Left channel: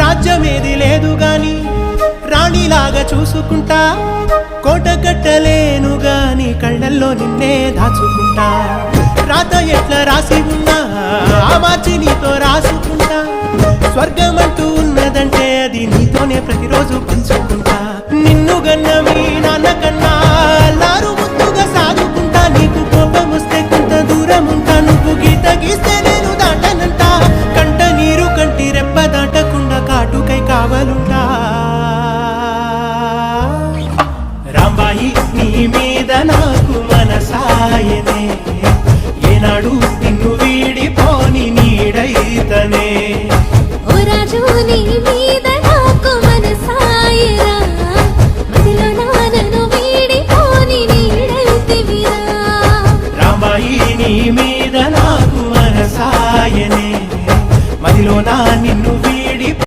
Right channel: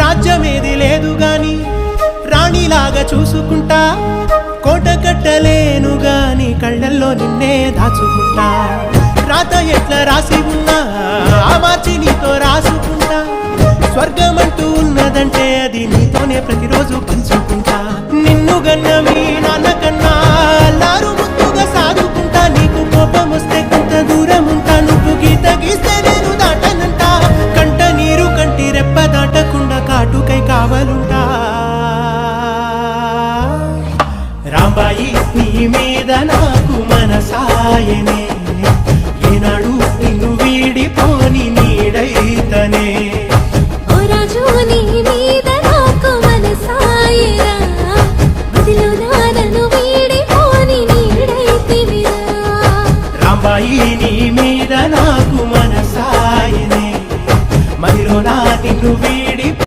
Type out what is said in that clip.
రాజ్యమేది లేదు గాని రాణిలాగా చూసుకుంటా, కోట కట్టలేను గాని కళ్ళల్లో నిన్నే దాచుకుంటా. రాత ఎట్లా రాసి ఉన్నా మార్చి నీతో రాసుకుంటా, స్వర్గమంటూ ఉన్నదంటే అది నీతోనే ప్రతిరోజు పంచుకుంటా. నిన్ను గన్న మీ నాన్న కన్నా లారు ముద్దుగా సాదుకుంటా, నీకు కోపం వస్తే కొంత దూరం ఉంటా, నువ్వు గీత గీస్తే నేను దాటనంట, కంట నీరు కంటి రెప్ప దాటకుండా కాటుకై కావలుంటా. రాంబాయి నీ మీద నాకు మనసాయనే, ఏనాడు నిన్ను వీడిపోని నీడైతనే. ఓ రాజు నీ మీద